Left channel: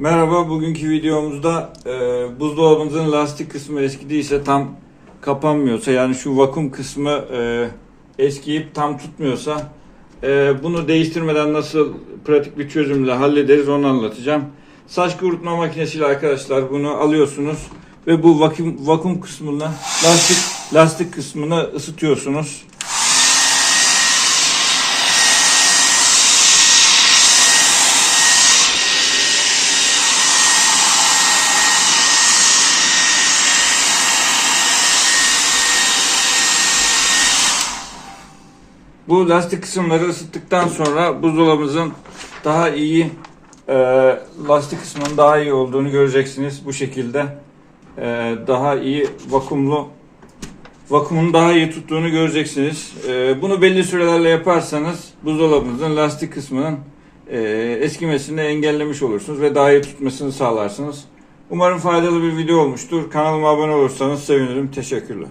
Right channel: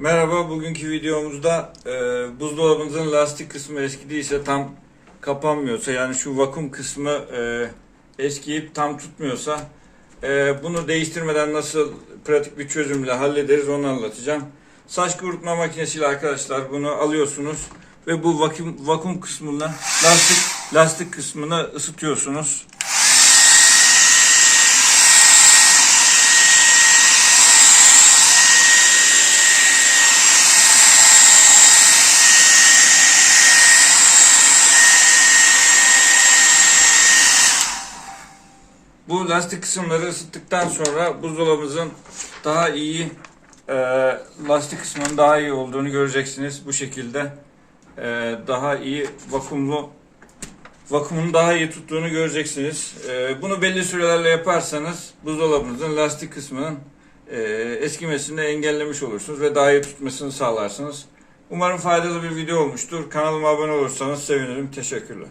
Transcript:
Merhaba, bugünkü videomuzda e, buzdolabınızın lastik kısmı eskidiyse tam kapanmıyorsa yani şu vakum kısmı e, eskiyip tam tutmuyorsa e, bunu değiştirmeden nasıl pratik bir çözümle hallederiz onu anlatacağım. Saç kurutma makinesiyle arkadaşlar bunu alıyorsunuz ve bu vakum vakum kısmına lastik lastik kısmını ısıtıyorsunuz. Bu lastik kısımları ısıttıktan sonra buzdolabımızın daha iyi e, lastik kısmının daha iyi olduğunu göreceksiniz bu şekilde. E, daha iyi vakumlu vakumun daha iyi tuttuğunu göreceksiniz. E, bunu belli sürelerle yaparsanız buzdolabınızın lastik kısmının e, eskimesini engellemiş olursunuz ve daha iyi tutmasını sağlarsınız. Umarım faydalı bir video olmuştur. Kanalıma abone olursanız sevinirim. Teşekkürler.